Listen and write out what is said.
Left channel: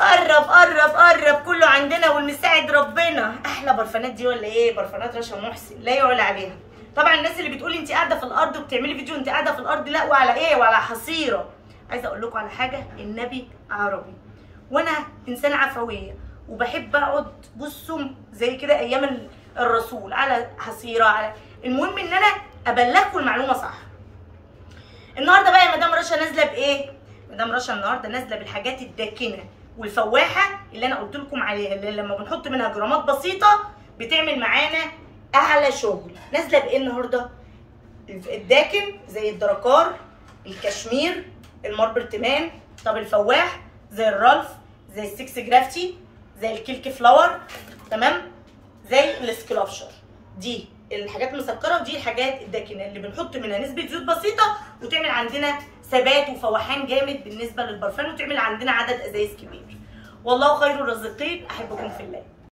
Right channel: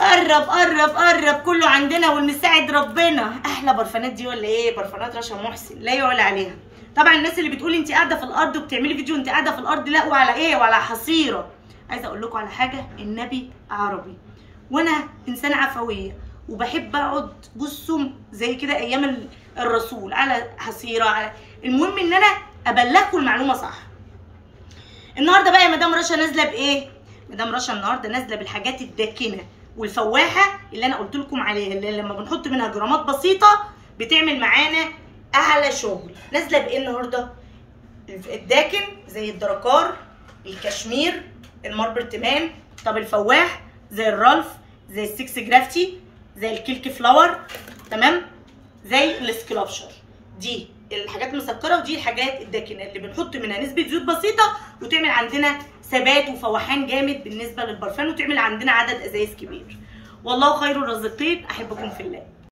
قرب قرب قرب، كله عندنا والمساعد ربنا. احلى برفانات دي ولا ايه؟ برفانات رشا محسن لا يعلى عليها. طبعا الناس اللي بتقول انت قاعده في الارض وبتعملي فيديو انت قاعده في الارض، لا وعلى ايه وعلى حصيره. عايزه اقول لكم على حاجه، النبي عربي وانا انسانه عفويه وبحب اقعد بصوا زي كده ايام الرسول على حصيره على. المهم ان انا ابلغكم المعلومه صح. النهارده بقى يا مدام رشا نازله بايه؟ مدام رشا النهارده نازله بالحاجات الداكنه والفواحه اللي انا قلت لكم عليها، اللي لما بنحط منها جرامات بسيطه بتعمل معانا اعلى شغل. نازله بايه النهارده؟ الداكن زي الدركار، الكشمير، الماربرتمان، طب الفواح زي الرالف، زي السكس جرافتي، زي الكيلك فلاور، تمام، زي السكلابشر. دي الحاجات المسكره ودي الحاجات الداكنه اللي بنحط منها نسبه زيوت بسيطه وتعمل عندنا ثبات وفوحان جامد بالنسبه للبرفان وتعمل عندنا عدد ازايز كبير. والله خير الرازقين، احبكم في الله.